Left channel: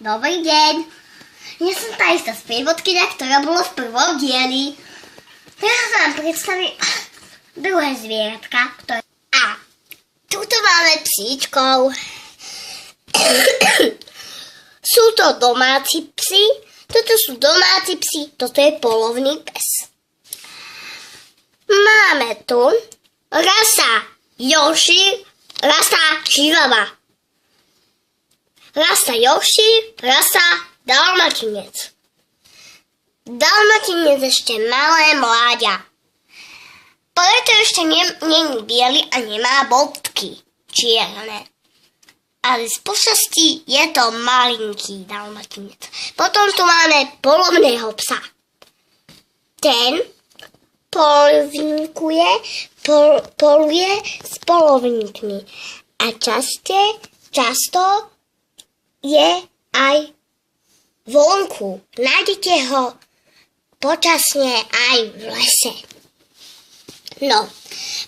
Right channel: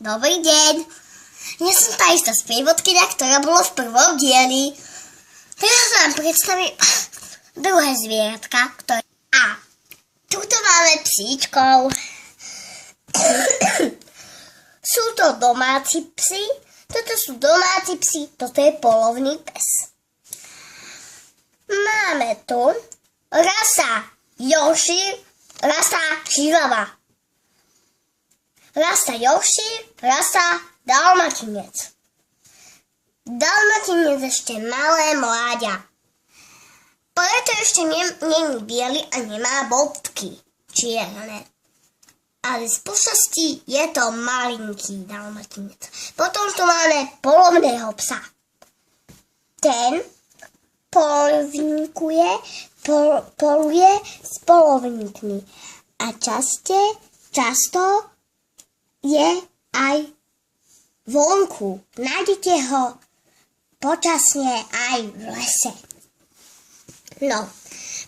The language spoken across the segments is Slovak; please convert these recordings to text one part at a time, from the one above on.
Dobrý deň. Ja som tá istá sprievodkyňa, ktorá bola v prvom dieli. Teraz vám predstavím druhé zvieratka, ktoré... A tuto máme psíčkov. Sú to domáci psi. Toto sú domáci psi. Toto je polovný pes. Máme tu rasa Yorkshire, rasa Chihuahua. Rasa Yorkshire, rasa Dalmatinec. Dalmatinec ešte malé mláďa. Preto ešte není biely a nemá bodky čierne. Ale z počasti je to malinký Dalmatinec. Potom tu máme polovného psa. Ten poluje s polovníkmi a často je aj vonku. Nájdete ho počasne aj v lese. No,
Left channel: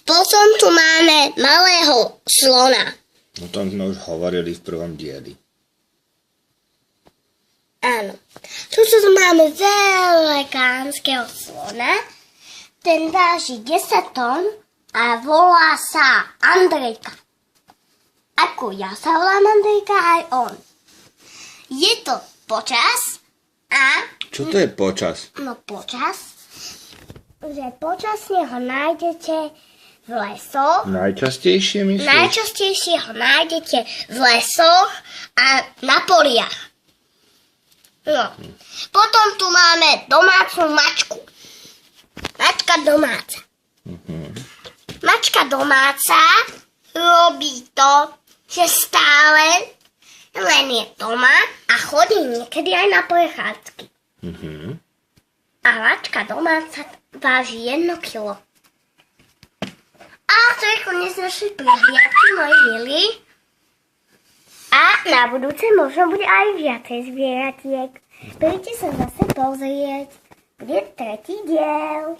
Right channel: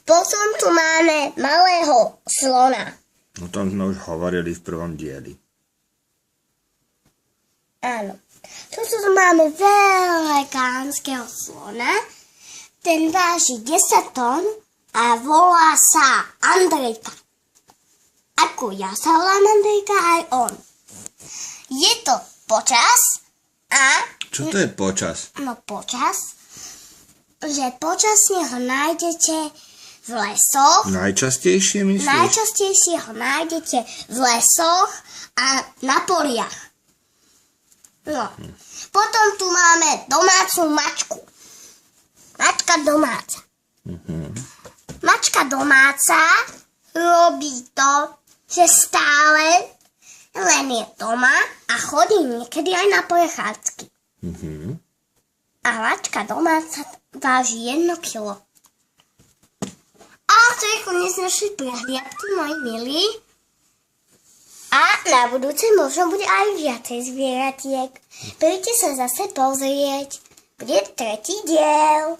potom tu máme malého slona. O tom sme už hovorili v prvom dieli. Áno. Tuto tu máme veľkánskeho slona. Ten váži 10 tón a volá sa Andrejka. Ako ja sa volám Andrejka, aj on. Je to počas a... Čo to je počas? No počas, že počasne ho nájdete v lesoch. Najčastejšie myslíš? Najčastejšie ho nájdete v lesoch a na poliach. No. Potom tu máme domácu mačku. Mačka domáca. Mačka domáca robí to, že stále len je doma a chodí niekedy aj na prechádzky. A mačka domáca váži 1 kilo. A to je koniec našej prehliadky, moji milí. A na budúce možno bude aj viacej zvieratiek. Príďte sa zase pozrieť. Bude 3. diel.